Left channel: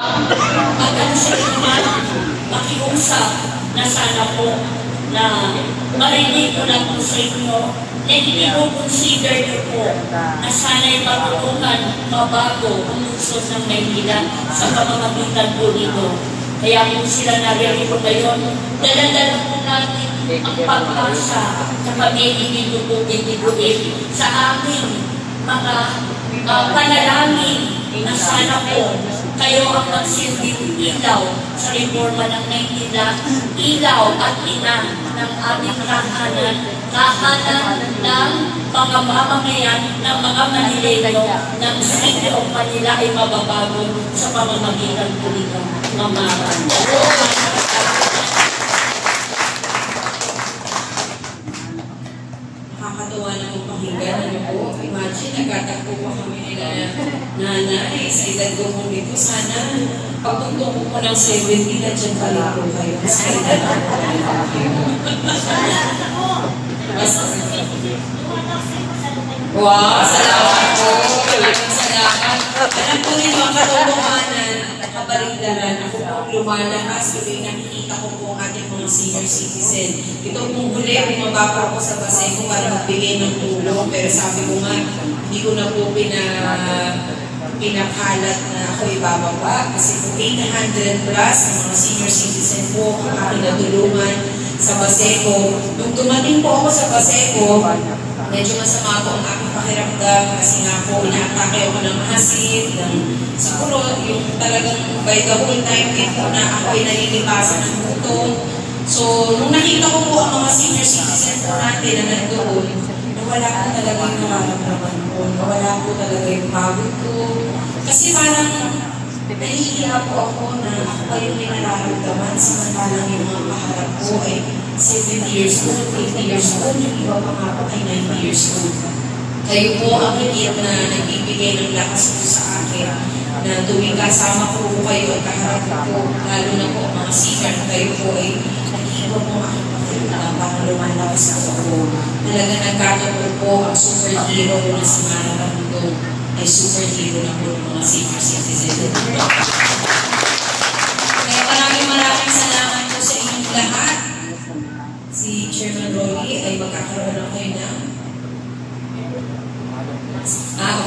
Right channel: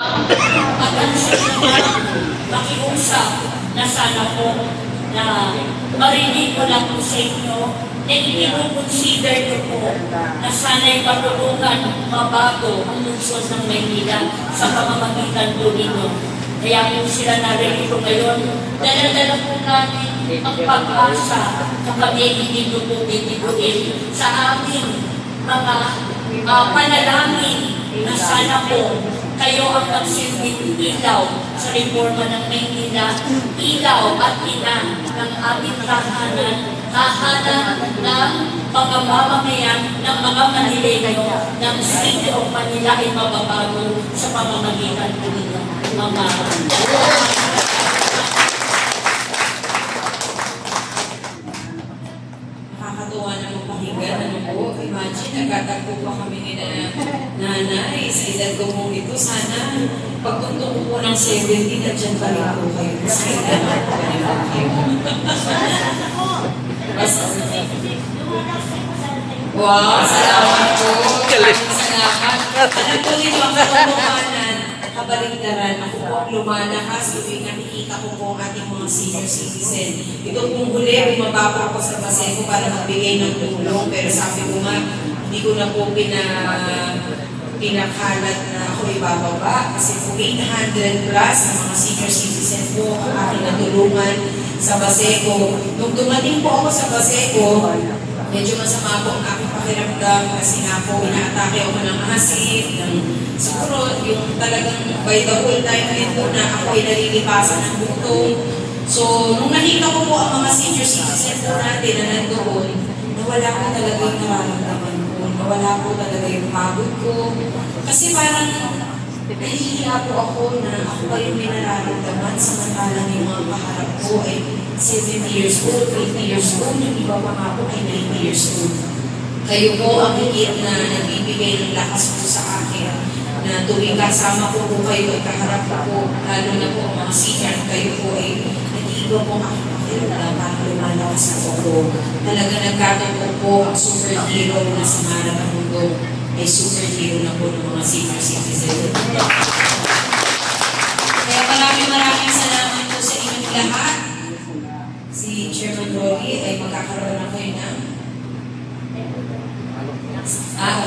Magandang makiusap na sana po na marinig ko lang po sa inyo and hindi ko consider nyo po na sana'y matulungan mabago ang lungsod ng Maynila sa pamamagitan po nito. Kaya kung sila narito ngayon, dala-dala po natin ang pag-asa na kami hindi po bibiguin sa aming mga panalangin na sana po kayo ang magsilbing ilaw sa reforma ng Maynila, ilaw at ina ng aming tahanan, tahanan ng mga mamamayan ng mga Manileño ng City of Manila ay mababago sa pamamagitan po nito. Nakakatuwa ng pakinggan. Ano po? Imagine, nagkatagpo pa kami nila nanay. Sa edad ko mong ito, sana pagtungtong ko po ng 70 na dyan pa rin po kayo. Sa edad ko wow! Salamat po! Salamat! Ano po dito ang katotohanan? Kabaligtaran. Ako po ang lumalakas. Tuwing nakikita ko po ang ating mga senior citizen. Ito pong huli, bumaba po ako sa Baseco para magbigay ng tulong. Pero sabi ko nga, hindi ko na po pinakalat na ako ibababa. Kasi po 800 plus na mga senior citizen po ang aking natulungan sa Baseco. Nung tumating po ako sa Baseco, medyo masama po ang aking pakiramdam kasi nga po inaatake ako ng asid, ng siguro yung talagang by the whole time din po na ako ay nalilipasan ng butong. So, nung nakita ko po ang mga senior citizen po natin na nandoon, nawala po talaga yung nararamdaman ko, nawala po talaga yung pagod ko. Kasi parang nahihiya po ako na ako pa yung may nararamdaman samantalang yung mga kaharap ko ay 70 years old, 80 years old, yung iba pa nga po ay 90 years old. Kayo po ang higit na nagbibigay ng lakas po sa akin na tuwing kasama po kayo at kaharap po, lalo na po mga senior, kayo po ay nag-iibo po aking pakiramdam para lumalakas na po. Talaga nagkatulog po ang superhero na sa mga mundo ay superhero na po ng mga senior citizen. Kaya maraming salamat po sa inyong lahat. Si Chairman Rolly ay magkakaroon ako yun na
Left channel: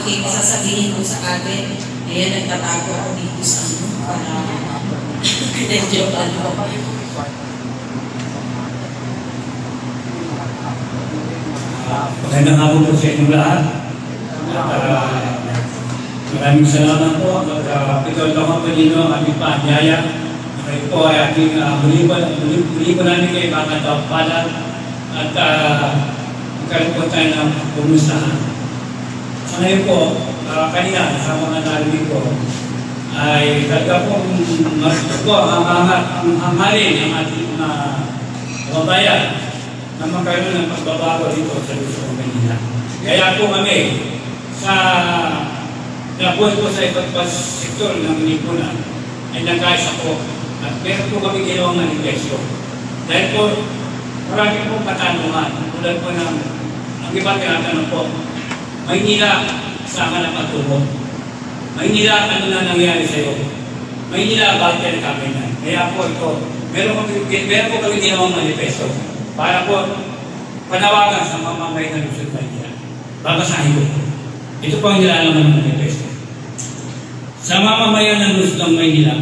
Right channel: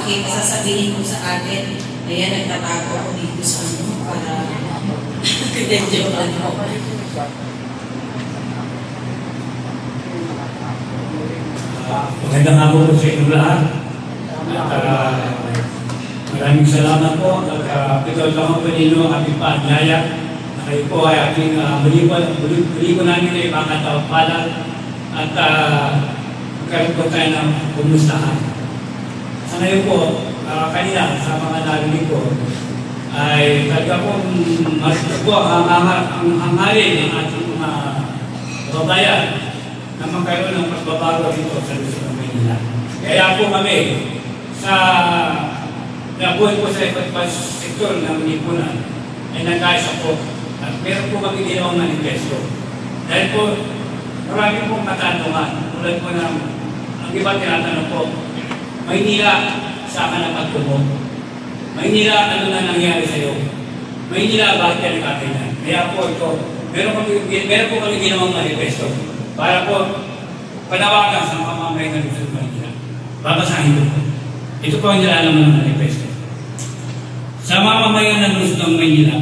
okay, masasabihin ko sa atin. Kaya nagtatago ako dito sa ano para joke lang po. Magandang hapon po sa inyong lahat. Maraming salamat po. Ikaw naman po ninyo ang aming paanyaya. Kayo po ay ating muli po namin kayo makatawapalan at kayo po tayo ng pumustahan. Sa ngayon po, kanina sa mga narinig ko, ay talaga pong ang hangarin ng ating mga kababayan na magkaroon ng pagbabago dito sa Luzon, Maynila. Kaya po kami sa nabuhay po sa iba't ibang sektor ng lipunan ay nagkaisa po at meron po kami ginawang manifesto. Dahil po marami pong katanungan tulad po ng ang iba tinatanong po, Maynila, saan ka na pagtubo? Maynila, ano na nangyari sa iyo? Maynila, bakit ka nagkaganyan? Kaya po ito, meron po kami ginawang manifesto para po panawagan sa mga mamayan ng Luzon, Maynila. Babasahin ko. Ito po ang nilalaman ng manifesto. Sa mga mamayan ng Luzon, Maynila,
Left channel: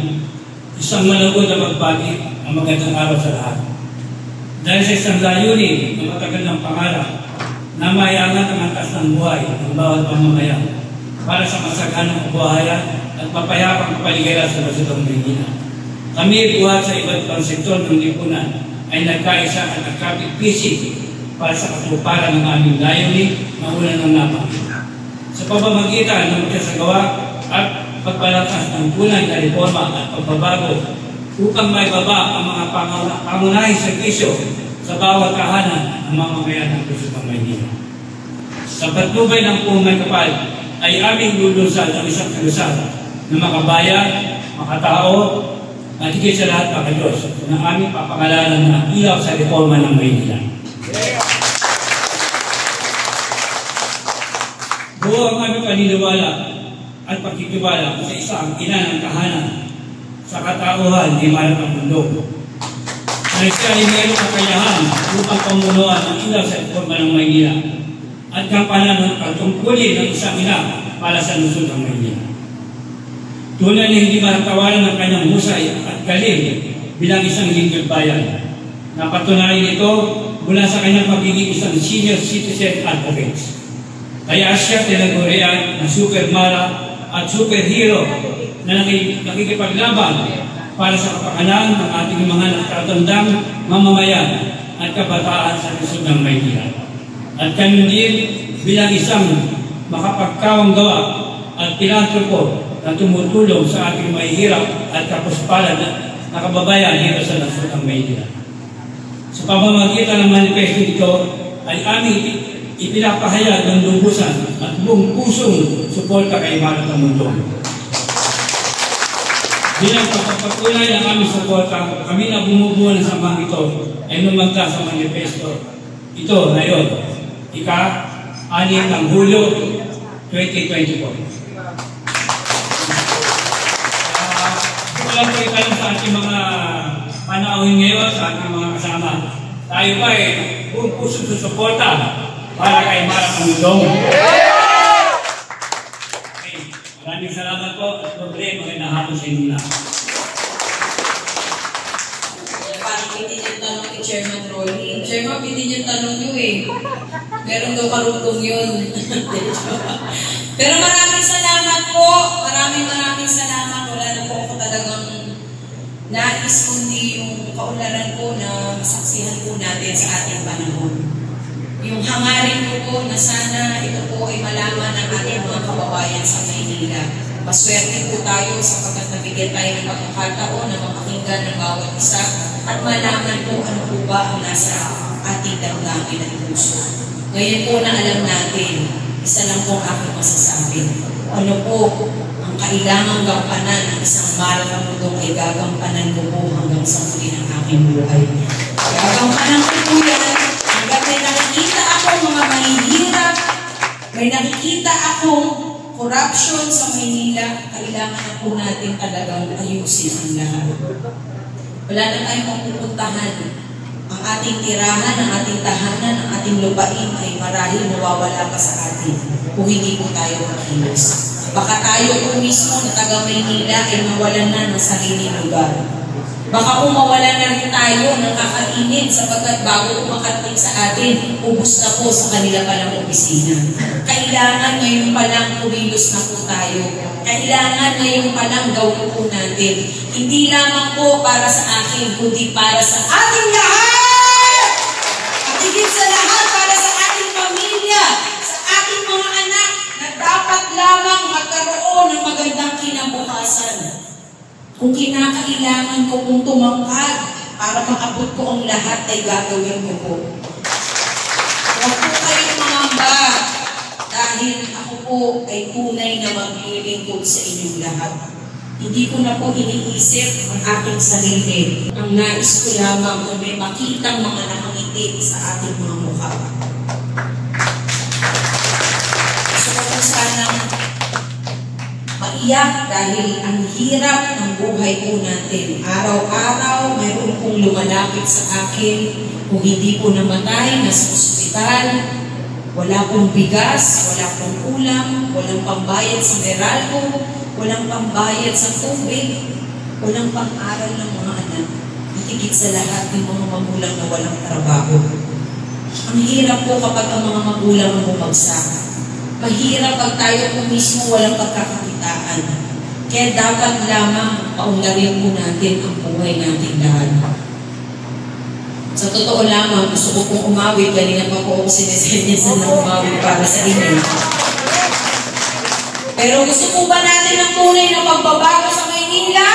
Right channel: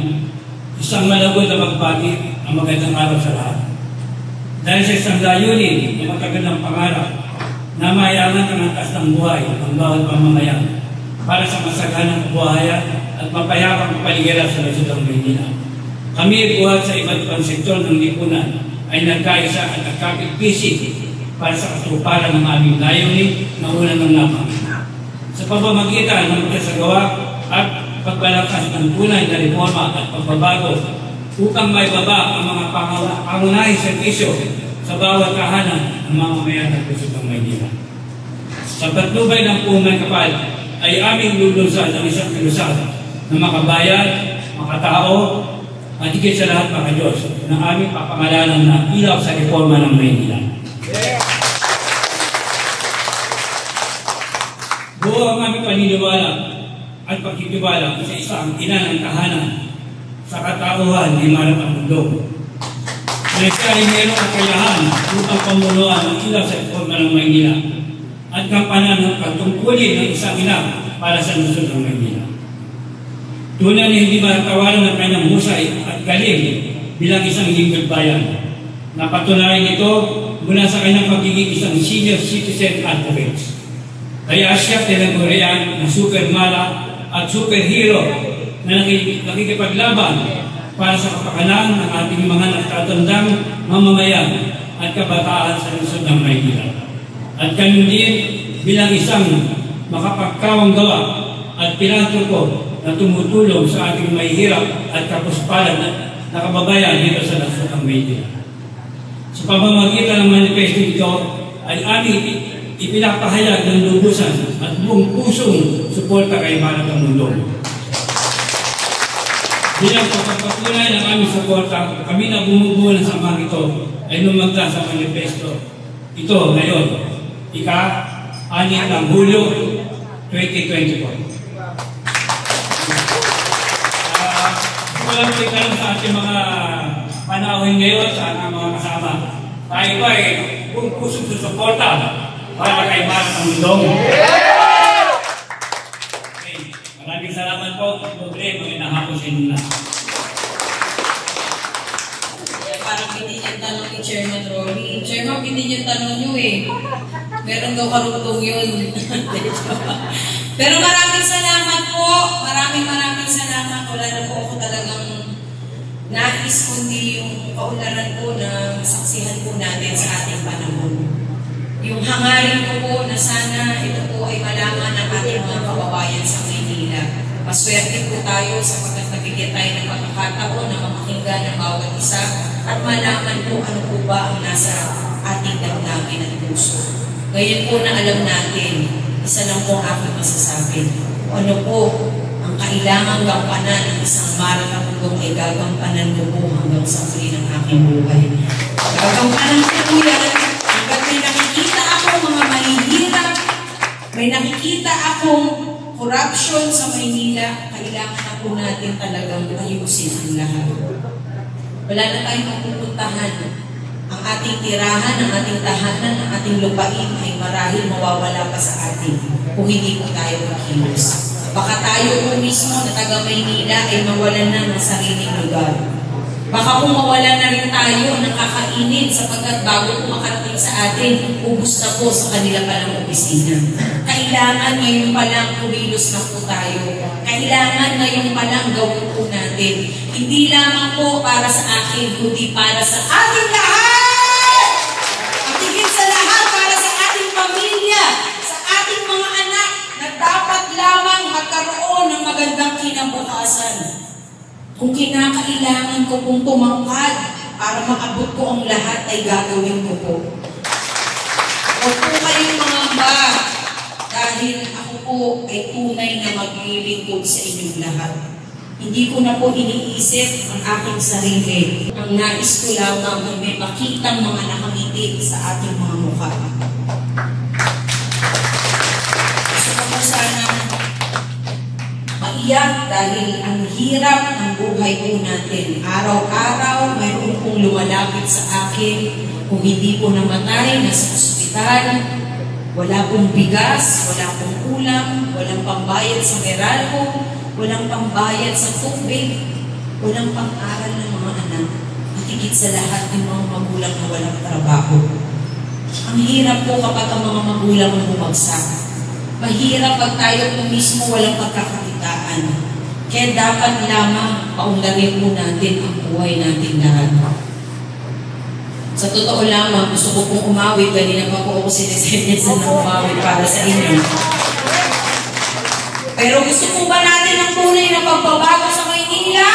isang malagod na magbati ang magandang araw sa lahat. Dahil sa isang layunin na magagandang pangarap na mayaman ang angkas ng buhay ng bawat pamamayan para sa masaganang buhayan at mapayapang kapaligiran sa Luzon, Maynila. Kami buhat sa iba't ibang sektor ng lipunan ay nagkaisa at nagkapit-pisik para sa katuparan ng aming layunin na unang ng napangita. Sa pamamagitan ng magkasagawa at pagpalakas ng tunay na reforma at pagbabago upang maibaba ang mga pangunahing servisyo sa bawat kahanan ng mga mamayan ng Luzon, Maynila. Sa patnubay ng umay kapal ay aming lulunsad ang isang kalusada na makabayan, makatao, at higit sa lahat mga Diyos ng aming papangalanan na ilaw sa reforma ng Maynila. Buo ang aming paniniwala at pagtitiwala sa isang ina ng tahanan sa katauhan ni Maramang Mundo. Na siya ay mayroong kakayahan upang pamunuan ang ilaw sa informa ng Maynila at kampanan ng pagtungkulin ng isang ina para sa lungsod ng Maynila. Tunay na hindi maratawaran ng kanyang husay at galing bilang isang lingkod bayan. Napatunayan ito mula sa kanyang pagiging isang senior citizen advocate. Kaya siya tinagurian na supermana at superhero na nakikipaglaban para sa kapakanan ng ating mga natatandang mamamayan at kabataan sa lungsod ng Maynila. At kami din bilang isang makapagkawanggawa at pilantropo na tumutulong sa ating mahihirap at kapuspalan na kababayan dito sa lungsod ng Maynila. Sa pamamagitan ng manifesto ito ay aming ipinapahayag ng lubusan at buong pusong suporta kay Maramang Mundo. Bilang pagpapatunay ng aming suporta, kami na bumubuo ng samang ito ay lumagda sa manifesto ito ngayon, ika-6 ng Hulyo 2024. Wala po itanong sa ating mga panahon ngayon sa ating mga kasama. Tayo po ay buong pusong susuporta para kay Maramang Mundo. Okay. Maraming salamat po. Magandang hapon sa inyo na. Parang pwede yung tanong ni Chairman Rolly. Chairman, pwede yung tanong nyo eh. Meron daw karugtong yun. Pero maraming salamat po. Maraming salamat. Wala na po ako talagang nais kundi yung kaularan po na masaksihan po natin sa ating panahon. Yung hangarin ko po na sana ito po ay malaman ng ating mga kababayan sa Maynila. Maswerte po tayo sapagkat nabigyan tayo ng pagkakataon na mapakinggan ng bawat isa at malaman po ano po ba ang nasa ating damdamin at puso. Ngayon po na alam natin, isa lang pong aking masasabi. Ano po ang kailangang gampanan ng isang Maramang Mundo ay gagampanan ko po hanggang sa muli ng aking buhay. Gagampanan ko po yan hanggang may nakikita akong mga mahihirap, may nakikita akong corruption sa Maynila, kailangan na po natin talagang ayusin ang lahat. Wala na tayong mapupuntahan. Ang ating tirahan, ang ating tahanan, ang ating lupain ay marahil mawawala pa sa atin kung hindi po tayo makilos. Baka tayo po mismo na taga Maynila ay mawalan na ng sariling lugar. Baka kung mawalan na rin tayo ng kakainin sapagkat bago makarating sa atin, ubus na po sa kanila palang opisina. Kailangan ngayon palang kumilos na po tayo. Kailangan ngayon palang gawin po natin. Hindi lamang po para sa akin, kundi para sa ating lahat! At higit sa lahat, para sa ating pamilya, sa ating mga anak na dapat lamang magkaroon ng magandang kinabukasan. Kung kinakailangan ko pong tumangkad para maabot ko ang lahat ay gagawin ko po. Huwag po kayong mangamba dahil ako po ay tunay na maglilingkod sa inyong lahat. Hindi ko na po iniisip ang aking sarili. Ang nais ko lamang na may makitang mga nakangiti sa ating mga mukha. Gusto ko po sana maiyak dahil ang hirap ng buhay po natin. Araw-araw, mayroon pong lumalapit sa akin kung hindi po namatay, nasa ospital, wala pong bigas, wala pong ulam, walang pambayad sa Meralco, walang pambayad sa tubig, walang pang-aral ng mga anak, at higit sa lahat yung mga magulang na walang trabaho. Ang hirap po kapag ang mga magulang ang bumagsak. Mahirap pag tayo po mismo walang pagkakakitaan. Kaya dapat lamang paunlarin po natin ang buhay natin lahat. Sa totoo lamang, gusto ko pong umawit. Kanina pa po ako sinisenyasan na umawit para sa inyo. Pero gusto po ba natin ang tunay na pagbabago sa Maynila?